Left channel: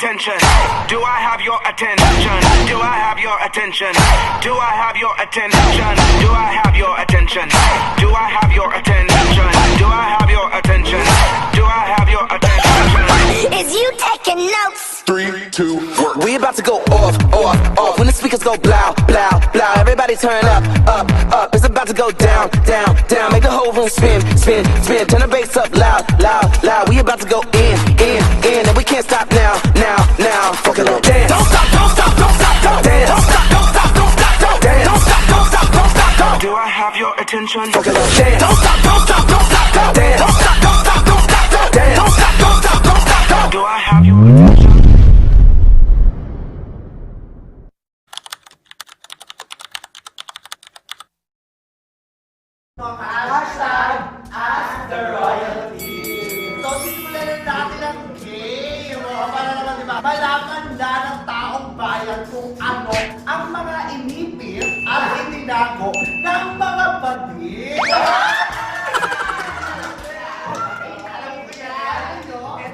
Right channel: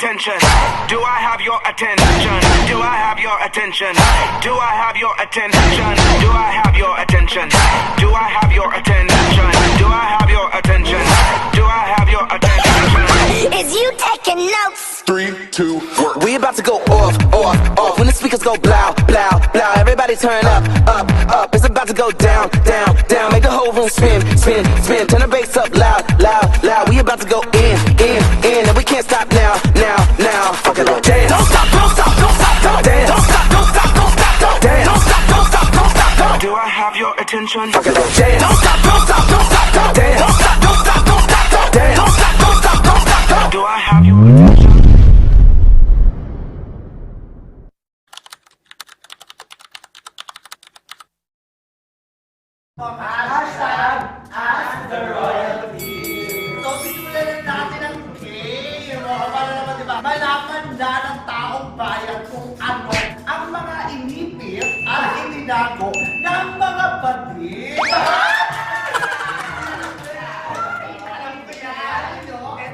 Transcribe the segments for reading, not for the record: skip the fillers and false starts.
attention? Do I have your attention? Do I have your attention? Do I have your attention? Do I have your attention? Do I have your attention? Do I have your attention? Do I have your attention? Is you taking notes? 3, 2, work. We about to go off, off, off. When the speakers go blow, blow, blow. Everybody turn up, up, up. It's about to go down, down, down. Make the whole room spin, spin, spin. Turn the bass up loud, loud, loud. We about to go in, and we can't stop now, now, now. Fuck it up, dance. Don't stop, don't stop, don't stop, don't dance. Don't stop, don't stop, don't stop, don't dance. Don't stop, don't stop, don't stop, don't. Do I have your attention? Fuck it up, dance. Don't stop, don't stop, don't stop, don't dance. Don't stop, don't stop, don't stop, don't dance. Don't stop, don't stop, don't stop, don't. Do I have your attention? So, simulan natin ang game. Para naman, diba, malaman na ng taong bayan kung ano ang mga inipit at itinago ng mga bading. Alam ko yan. Ito yan, Dora.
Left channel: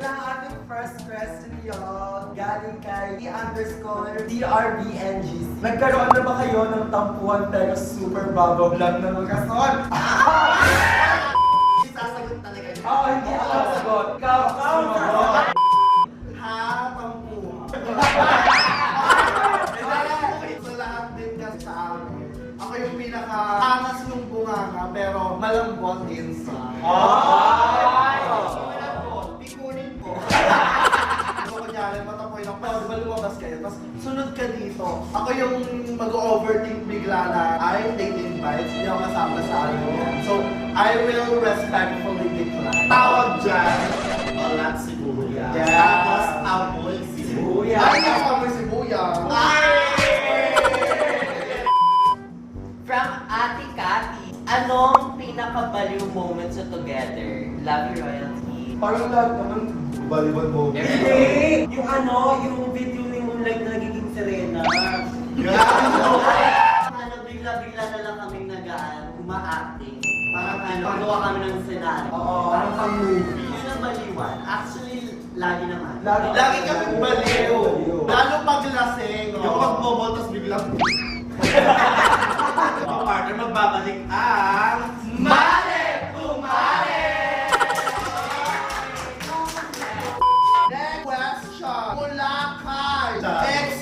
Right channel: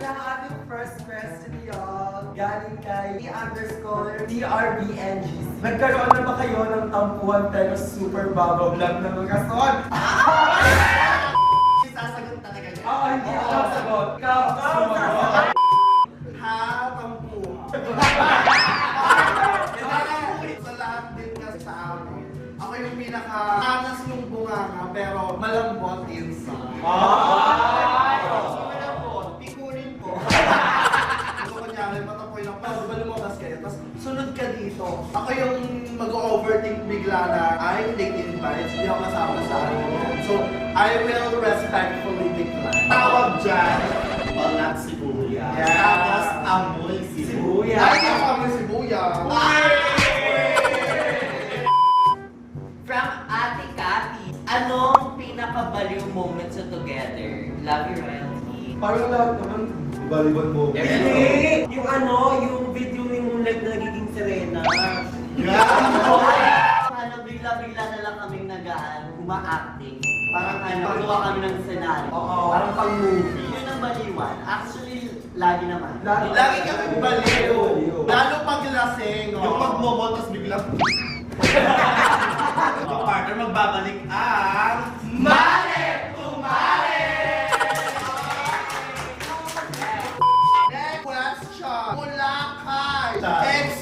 Ang ating first question, y'all, galing kay DRBNGC. Nagkaroon na ba kayo ng tampuhan pero super bago lang ng kason? Isasagot talaga niya. Oo, hindi ako sasagot. Ikaw, sumagot. Ha, pampuha. Sa lahat din kasi sa akin, ako yung pinaka-angas yung bunganga pero malambot inside. Malambot, pikunin po. Ano kunyari, matapoy lang, pero diba lumabas kayo, tapos sunod ka dito. Ako yung mag-overthink bigla na, I take invites, hindi ako kasama sa akin. So, I will respectfully decline. Tawag dyan, Walang sibuyas. Yes. Tapos amoy sibuyas. ay, yung amoy sibuyas. From Ate Cathy, anong pinakabaliw moment sa Together? Love you, Royalty. Parang lahat naman, baliwan mo. Hindi! Yung yung video ni Moonlight na nagiging Serena. Parang bigla-bigla na lang kaming uma-acting. Parang pagawa kami ng senaryo. Parang pang-movie. Yun ang baliwan. Actually, lagi naman. Lagi kami baliw. Lalo pag lasing. Yung magmomol, tapos biglang... Yung partner magbabalik ang... Mali! Tumali! Next question. Mula kay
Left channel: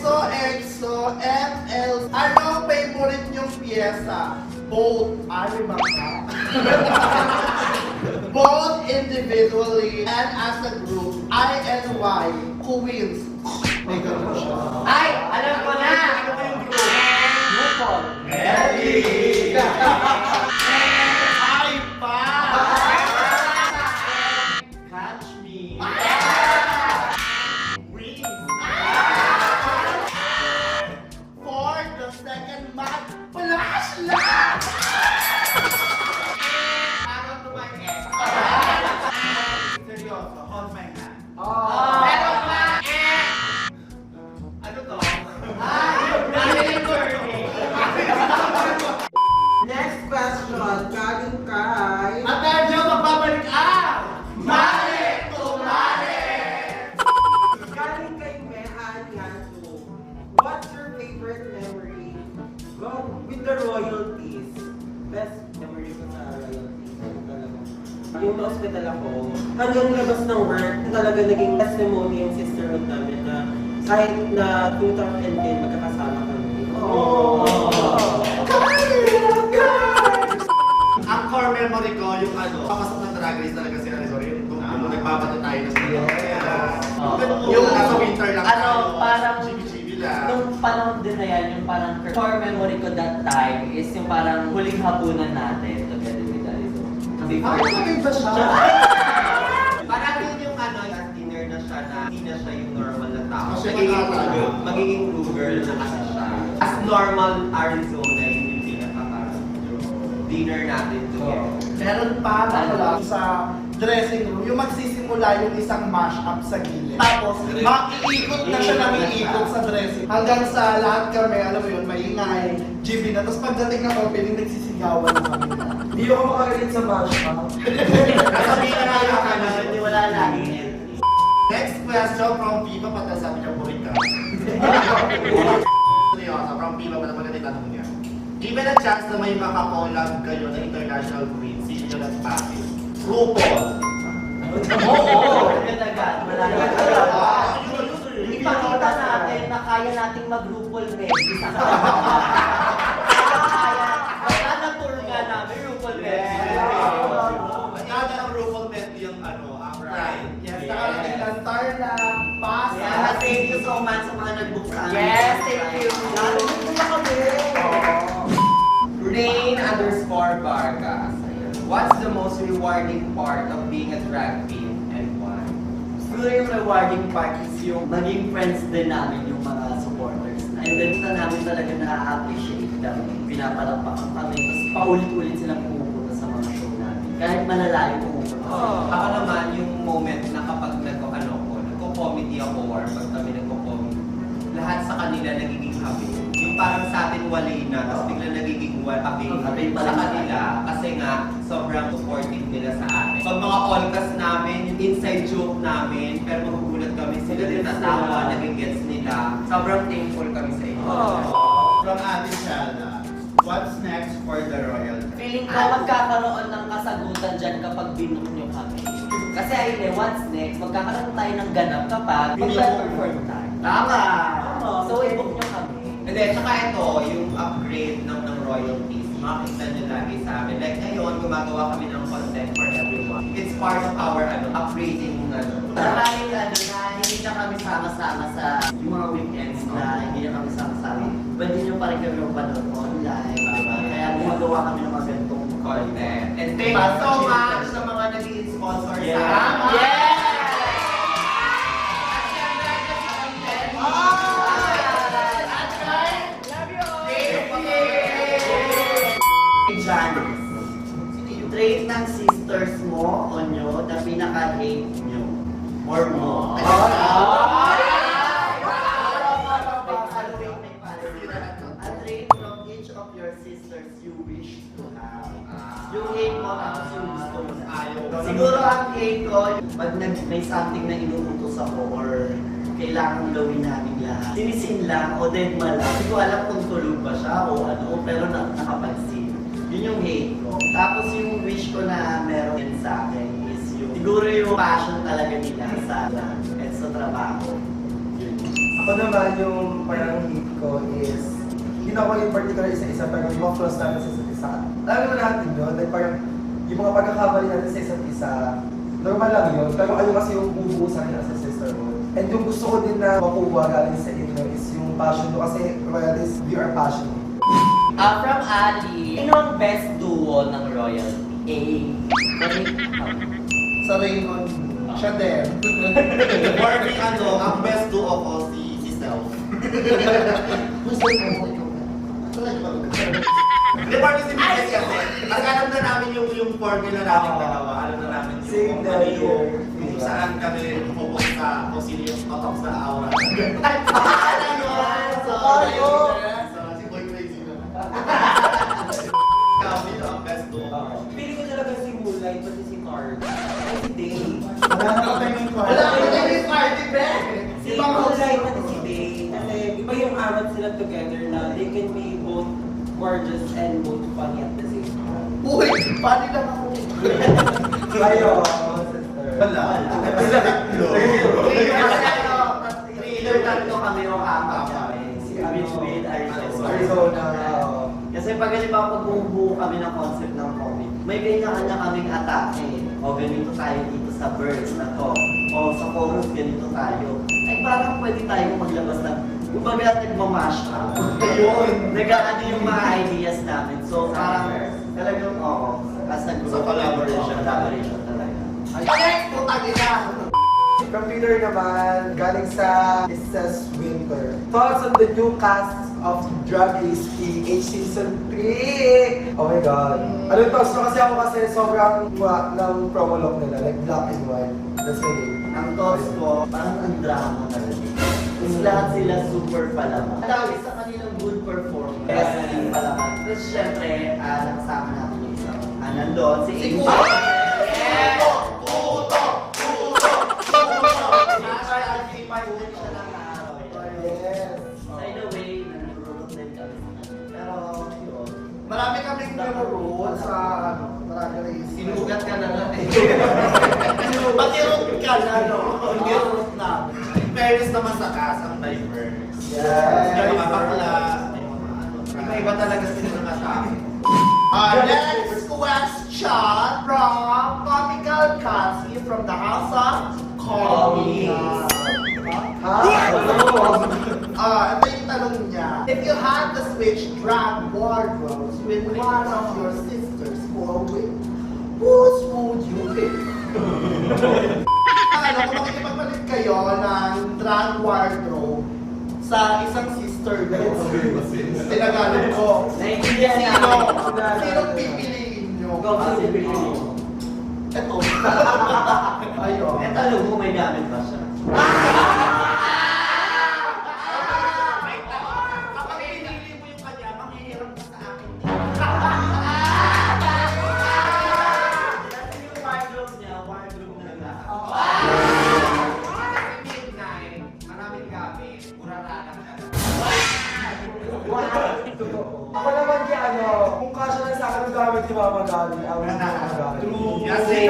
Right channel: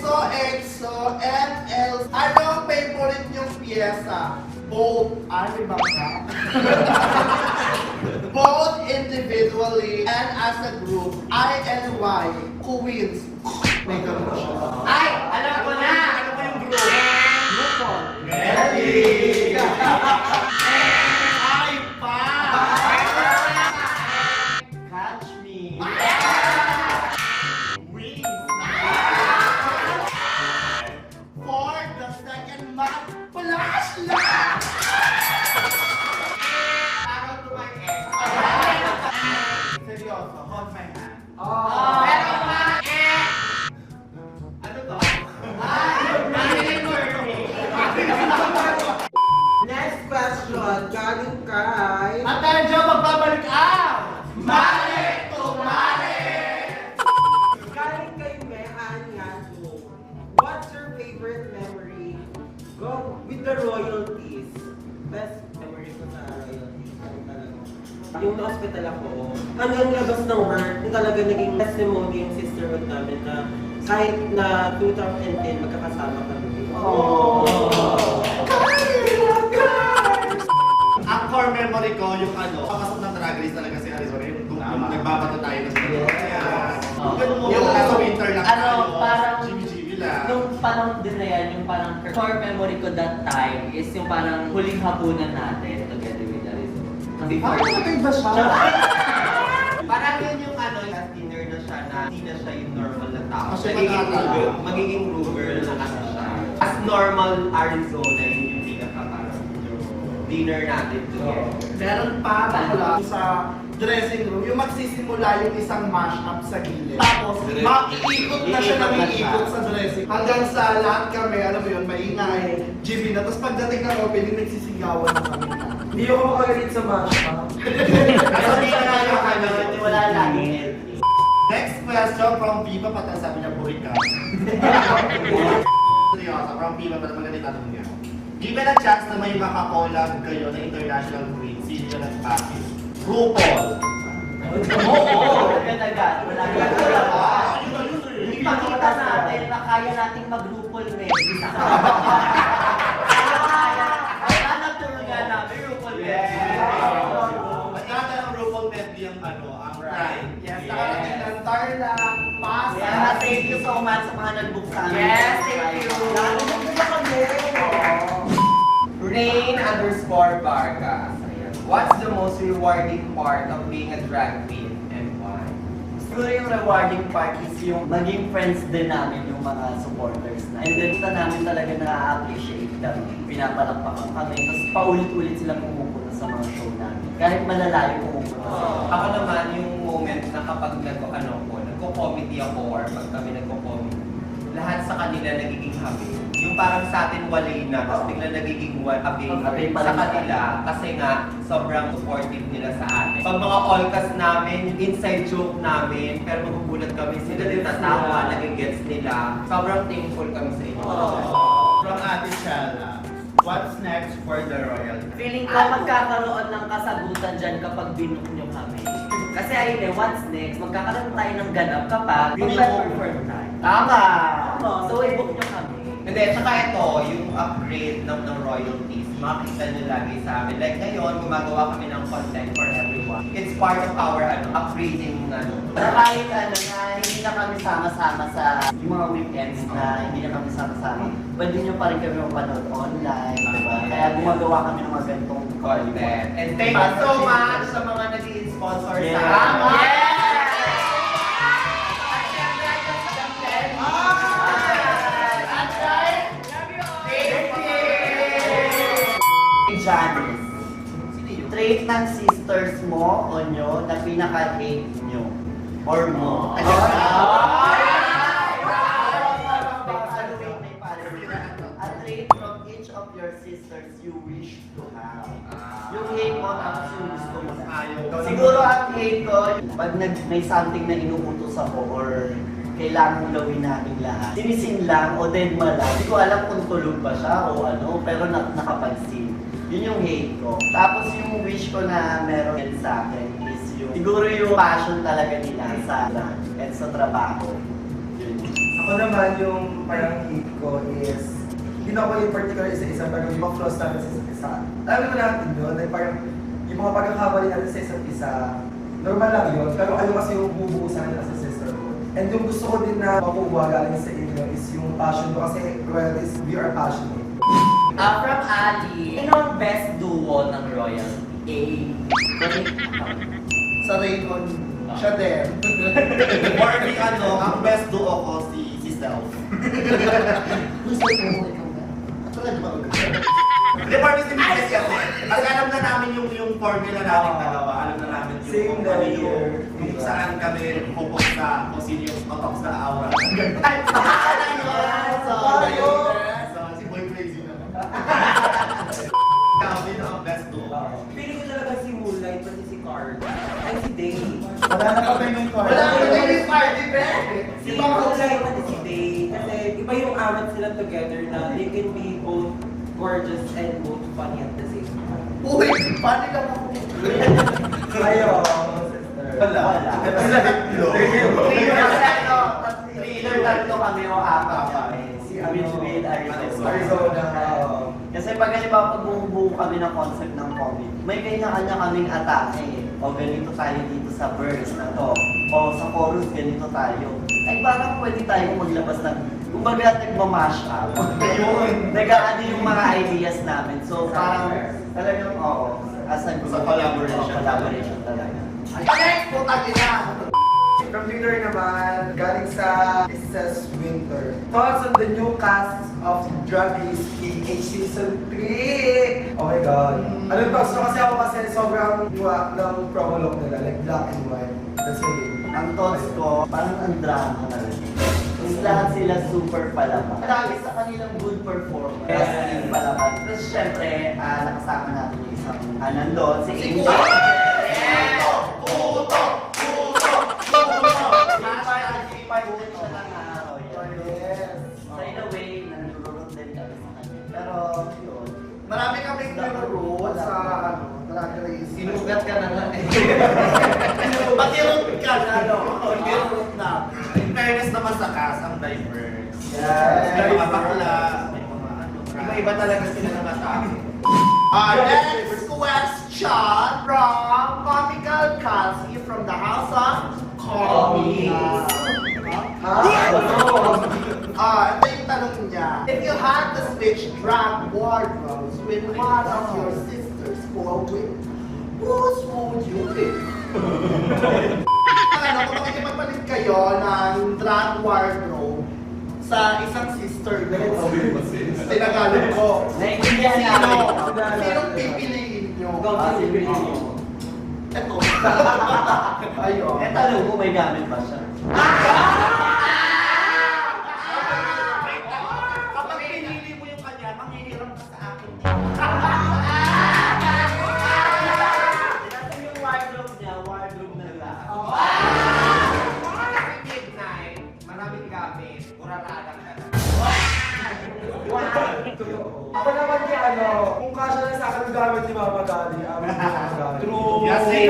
EXO, ML. Anong favorite niyong piyesa? Both, ba ka? Both individually and as a group. I and Y. Who wins? May ganun siya. Ay! Alam ko na! Ano ko yung group? RuPaul. Ready! Ay pa! Catch me. For the second month, flashlight! Parang tumayin. Seryoso, hold my hand. Pero pa! Ano to? Next question, galing kay... Attention, magbabalik ang Mali! Tumali! Galing kay Mehan Yanto. What's your favorite memory? Go with the royalties. Best memory ko sa royalties. Yung talaga. Yung na-hospital ako, hanggang labas ng work, yung talaga naging testimony yung sisterhood namin na kahit na 2010 magkakasama kami. Ang core memory ko, yung papasok ng Drag Race talaga si Arizona, yung nagbabato tayo na sa yung nasa winter lang tayo, Parang chibi-chibi lang. Yung panahon din na yan, yung parang core memory ko that time is yung parang huling hapunan natin together with Arizona. Before ba siya? parang yun yung last dinner na siya na hindi na siya yung normal na tao. Kasi Magiging true girl na kasi siya. As normal Arizona, yun yung pinaka parang dinner natin together. Meron pa bakla sa dressing room, yung magsisimula yung isang mash-up sa gilid. Tapos, maiikot na siya ng iikot sa dressing. Hanggang sa lahat kami, alam mo yun, maingay, GB na. Tapos pagdating ng opening, nagsisigawan na kami. Hindi ako makagalit sa masha. Sabihin na tayo kami, wala lang. question from Viva, pati sabi niya burik ka. Seryosa, from Viva, pati maganda tanong niya. Given a chance na may makakollab kayo ng international queen, sino at bakit? RuPaul. Oo, talaga. Ipakita natin na kaya nating mag-RuPaul ready sa kaya. Wala na tuluyan namin RuPaul ready. Nagkata ng RuPaul medley yung ang pride. Yes, ng Tarla, Pasa. Kaya thank you so much sa mga nag-book sa amin. Yes, thank you. Lalo na kami. Rain_Vargas. Ayan. What's the most rewarding part of being a drag queen and why? Siguro yung rewarding part is yung maging friends din namin yung mga supporters na. And then namin talaga na-appreciate kami. Pinapalakpakan kami. Tapos paulit-ulit silang pumupunta sa mga show namin. Kahit malalayo pumupunta. Ako naman yung moment na kapag nagko-comedy ako or pag kami nagko-comedy, lahat sa kanila nagiging happy. Yung parang sa atin walay na, tapos bigla nagiging happy sa kanila. Kasi nga, sobrang supportive nila sa atin. Pag mga all-cast namin, yung inside joke namin, pero magugulat kami sila din tatawa, nagigets nila. Sobrang thankful kami sa inyo. From Ate Shala, what's next for the royalty? Feeling ko magkakaroon ng kasagutan dyan kapag binook nyo kami. Kasi ayun eh, what's next? Magkakaroon tayo ng ganap kapag mag-perform tayo. Tama. So, i-book nyo kami. Hindi, tsaka ito, yung upgrade ng royalties, makikita nyo lagi sa amin. Like ngayon, gumagawa kami ng content for everyone. It's part of our upgrading Saka yung na hindi na kami sama-sama sa yung mga weekends na hindi na kami sama-sama. Pwede nyo pa rin kami mapanood online. Kaya gumagawa kami ng mga ganitong content. And thank you so much sa mga nag-i-sponsor sa amin. Yes! Janice, trait ng sisters mo o nyo na pinaka-hate nyo or mo. A trait from each of your sisters you wish to have. Yung hate mo, tapos yung gusto mo na ayaw. Siguro ang hate ko, pag may something na inuutos ako or kailangan kong gawin natin lahat. Sinisin lang o dead ma lang. Hindi ko alam kung tulog ba siya o ano, pero nakapansin. Yun yung hate ko. Tapos yung wish ko na meron din sa akin is yung siguro yung passion talaga nila sa at sa trabaho. Ako naman yung parang hate ko is, hindi na ako yung particular isa-isa, pero yung mga flaws natin sa isa't isa. Lalo na natin yun, like parang yung mga pagkakamali natin sa isa't isa, normal lang yun, pero ano kasi yung bubuo sa akin as a sisterhood. And yung gusto ko din na makuha galing sa inyo is yung passion ko kasi we are passionate. From Ali, sino ang best duo ng royalty? Sa Rayon, siya din. For me, ang best do ako si Self. Hindi, parang si Miguel kasi. At alam na namin yung formula natin dalawa. Alam na namin yung kung ano yung saan kami pupunta, kung sino yung totox na aura. Sorry. So, si Boy Crazy na. Sino ang best do? Pili ko talaga si Mulay, pati si Carl. At si Day. Wala na kami yung Wala ka na yung party, be! Si Mulay, pati si Day. Kasi iba yung arat sila together na they can be both gorgeous and both funny at the same time. Uy! Paano ka mo? Ayaw ako, sister. Wala. Thriller tatlo kami o apat kami. Si Ridgeville, Arizona. Kasi pag halimbawa pag bumubuo kami ng concept ng comedy, may kanya-kanya kaming atake. O ganito tayo dito sa verse na to. O sa chorus, ganito tayo. Ay parang pwede tayo maglabas ng, kumbaga nagmamash up. Ayun, nag-aano yung mga ideas namin. So parang talagang, as a group, Sa collaboration. Collaboration talaga. Computer naman, galing sa Mrs. Winter. Thoughts on the new cast of Drag Race PH Season 3? Oh my God. Ano yung thoughts ko kasi ako kasi sobrang iwa ng promo look nila, like black and white. That's really. Ang thoughts ko, parang ang drama na rin. Tapos lahat sila super palaban. Dahil sa kanilang good performance. Yes, palaban. Tapos syempre, nakasama natin yung isang nandun, si Angel. Grace. Sinugat ka na nga eh. Patirot ka na, no? Patirot na. In fairness naman sa cast, ang diverse. Yes. May mga bakla, may mga ano. Iba-iba talaga sila ng atake. Next question from Comical Cassie from the House of Comics. Ito yung tanong niya. If you had to switch drag wardrobes with one of your sisters for a week, whose would you pick? Kung makikipagpalit kayo ng drag wardrobe sa isang sister mo, tinagalog ko. Naiintindihan Sino? namin. Sinong pipiliin nyo? Ikaw ang pipiliin mo. Ito. Ayun. Eh, tanong mo, may gamit ba siya? Kapag pinili mo yung kanya, manghihirap ka sa akin. Kasi yung wardrobe niya, wardrobe na lahat. Midnight, maraming gamit, muraradak ka na. Ako naman kaya kung kasya na sa akin gamit ni Mama Gali, ang True. Yes, same.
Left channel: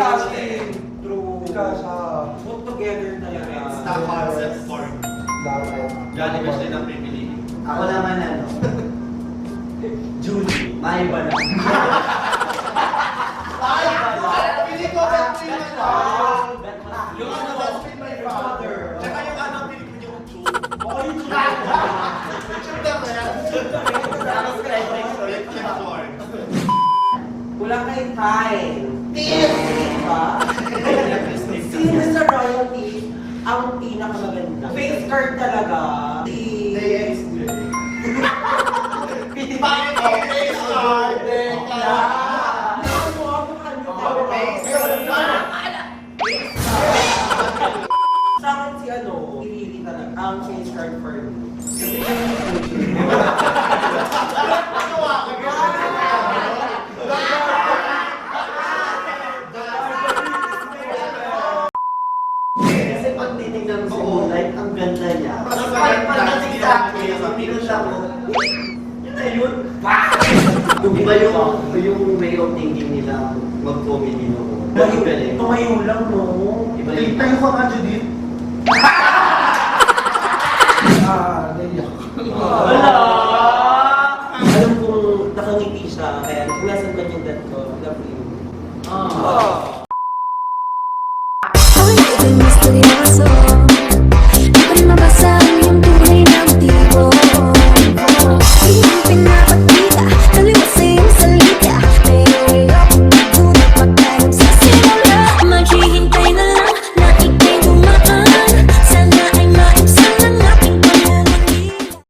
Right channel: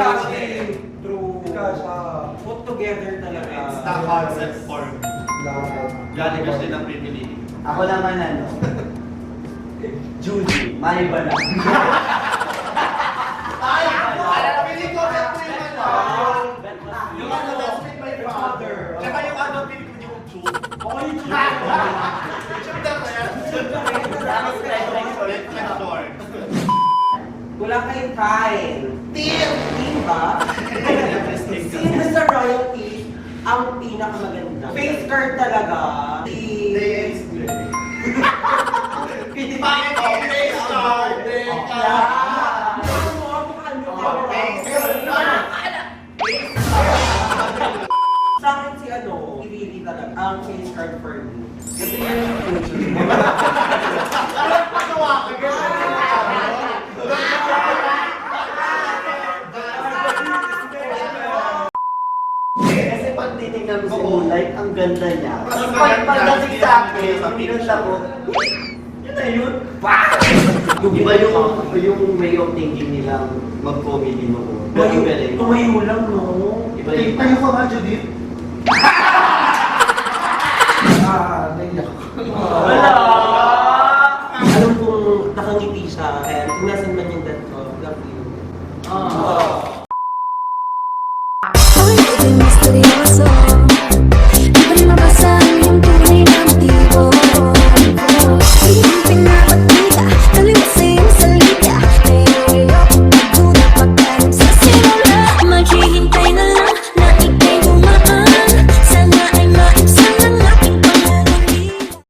True. Kasya. Put together talaga. It's the concept for me. Galing kasi ng pinili. Ako naman Julie, maiba na. Ay, pili ko ba yung yung ano, my father. Tsaka yung ano, pinili ko yung tube. Okay, yung YouTube na yan. Short. Kulang kay Kai. Team! Diba? Sino sa royalty ang pinakamaganda? Face card talaga. Next. Pinipakit ko face card. Sa akin si pinili talaga ang face card for me. Kasi pag titignan mo si Moonlight, ang ganda niya. Mas Pagdating sa akin, pinunta ko, yun na yun. Iba yung way of thinking nila mag-comedy mo. Tumayo lang, no? Iba yung Tayo ka ba, Judith? Naiyak. Wala! Alam kong nakangiti siya, kaya kung nasan man yung dad ko, love you. Hoy, ito yung misteryoso.